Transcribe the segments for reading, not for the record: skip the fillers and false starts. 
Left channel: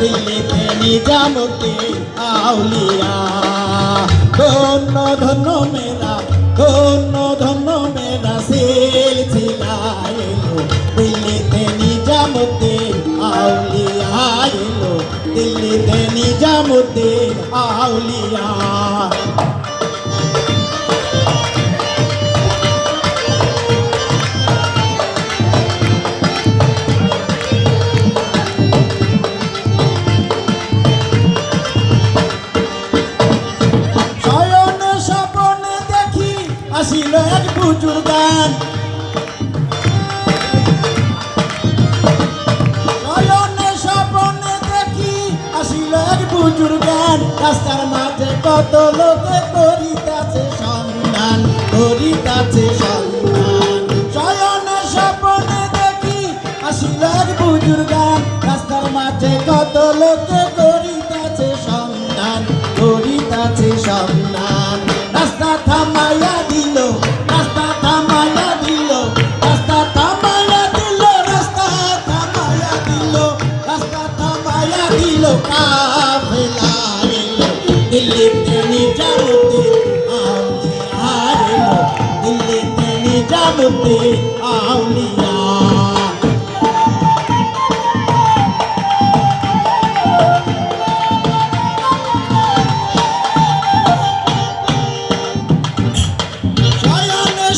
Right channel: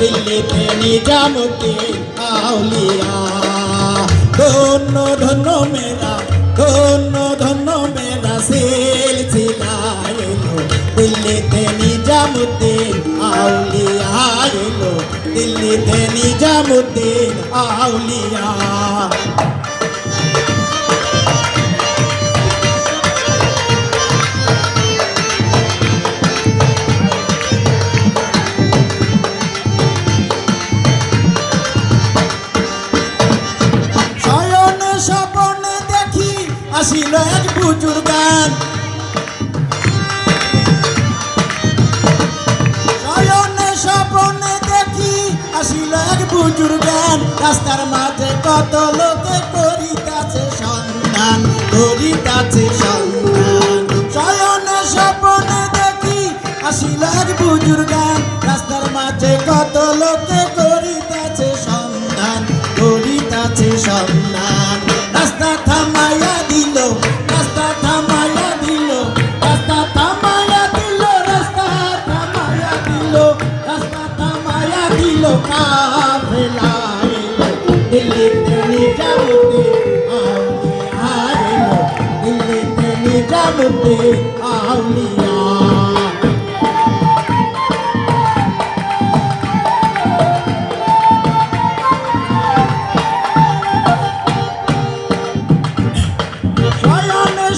দিল্লিতে নিজামুদ্দিন আউলিয়া। ধন্য ধন্য মেরা, ধন্য ধন্য মেরা সিলসিলা এলো, দিল্লিতে নিজামুদ্দিন আউলিয়া এলো, দিল্লিতে নিজামুদ্দিন আউলিয়া। আসিল এক বুজুর্গান, শয়নে স্বপ্নে দেখি আসিল এক বুজুর্গান, রাস্তার মাঝে কত লোকে করিতাছে সন্ধান, করিতাছে সন্ধান। শয়নে স্বপ্নে দেখি আসিল এক বুজুর্গান, রাস্তার মাঝে কত লোকে করিতাছে সন্ধান, করিতাছে সন্ধান। রাস্তা থামাইয়া দিল, রাস্তা থামাইয়া দিল, রাস্তা থামাইয়া দিল, রাস্তা থামাইয়া দিল, রাস্তা থামাইয়া দিল, কাফেলা এলো, দিল্লিতে নিজামুদ্দিন আউলিয়া এলো, দিল্লিতে নিজামুদ্দিন আউলিয়া।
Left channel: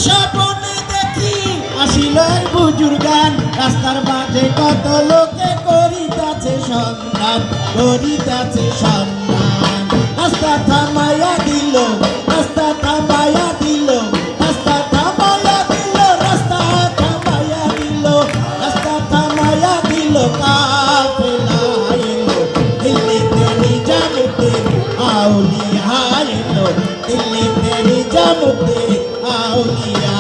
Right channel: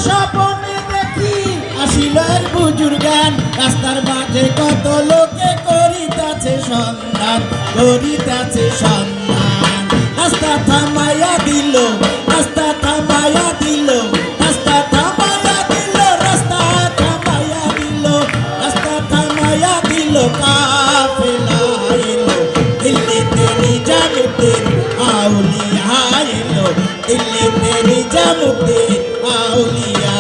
স্বপ্নে দেখি আসিল এক বুজুর্গান, রাস্তার মাঝে কত লোকে করিতাছে সন্ধান, করিতাছে সন্ধান। রাস্তা থামাইয়া দিল, রাস্তা থামাইয়া দিল, রাস্তা থামাইয়া দিল, রাস্তা থামাইয়া দিল, রাস্তা থামাইয়া দিল, কাফেলা এলো, দিল্লিতে নিজামুদ্দিন আউলিয়া এলো, দিল্লিতে নিজামুদ্দিন আউলিয়া।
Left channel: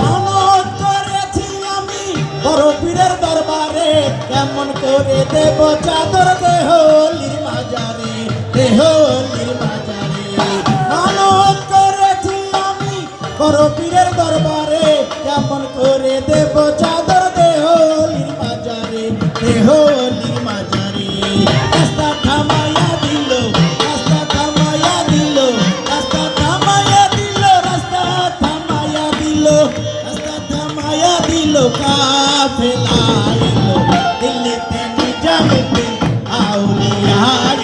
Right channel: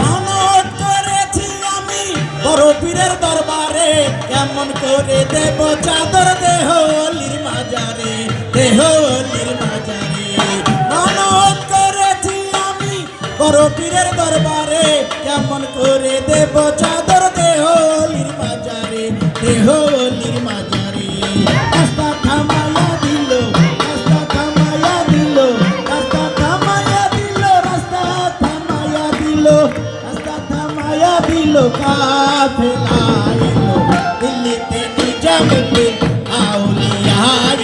মানত করেছি আমি বড় পীরের দরবারে, কেমন করে দেব চাদর দেহ অলির মাজারে, দেহ অলির মাজারে। মানত করেছি আমি বড় পীরের দরবারে, কেমন করে দেব চাদর দেহ অলির মাজারে, দেহ অলির মাজারে। রাস্তা থামাইয়া দিল, রাস্তা থামাইয়া দিল, রাস্তা থামাইয়া দিল, রাস্তা থামাইয়া দিল, রাস্তা থামাইয়া দিল, কাফেলা এলো, দিল্লিতে নিজামুদ্দিন আউলিয়া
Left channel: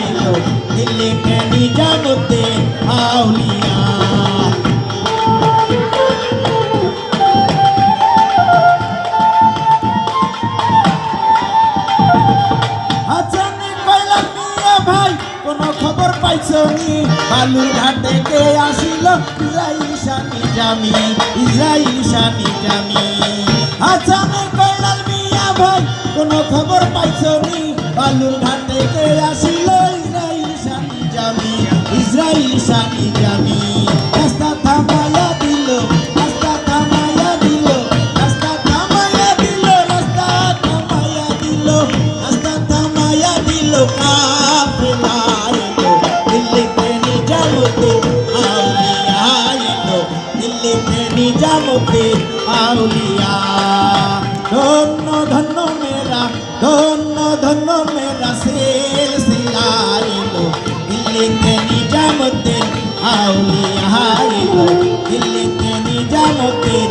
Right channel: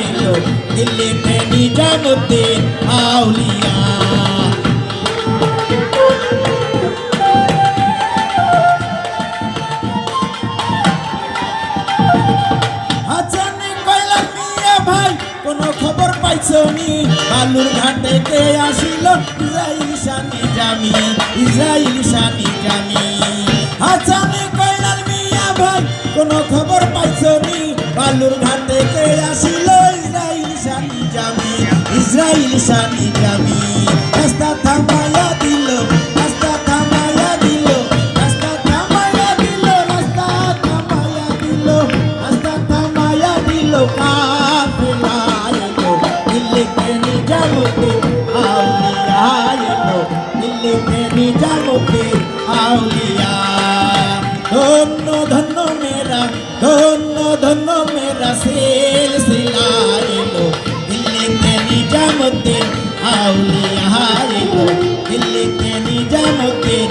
এলো, দিল্লিতে নিজামুদ্দিন আউলিয়া। খবর পাইছনি বালুর ঘাটে কে আসিল, ইসরাইল শানি জামি, ইসরাইল শানি জামি। হাসানে কইলাল মিয়া ভাই কোন খবর পাইছনি বালুর ঘাটে কে আসিল, ইসরাইল শানি জামি, ইসরাইল শানি জামি। রাস্তা থামাইয়া দিল, রাস্তা থামাইয়া দিল, রাস্তা থামাইয়া দিল, রাস্তা থামাইয়া দিল, রাস্তা থামাইয়া দিল, কাফেলা এলো, দিল্লিতে নিজামুদ্দিন আউলিয়া এলো, দিল্লিতে নিজামুদ্দিন আউলিয়া। ধন্য ধন্য মেরা, ধন্য ধন্য মেরা সিলসিলা এলো, দিল্লিতে নিজামুদ্দিন আউলিয়া এলো, দিল্লিতে নিজামুদ্দিন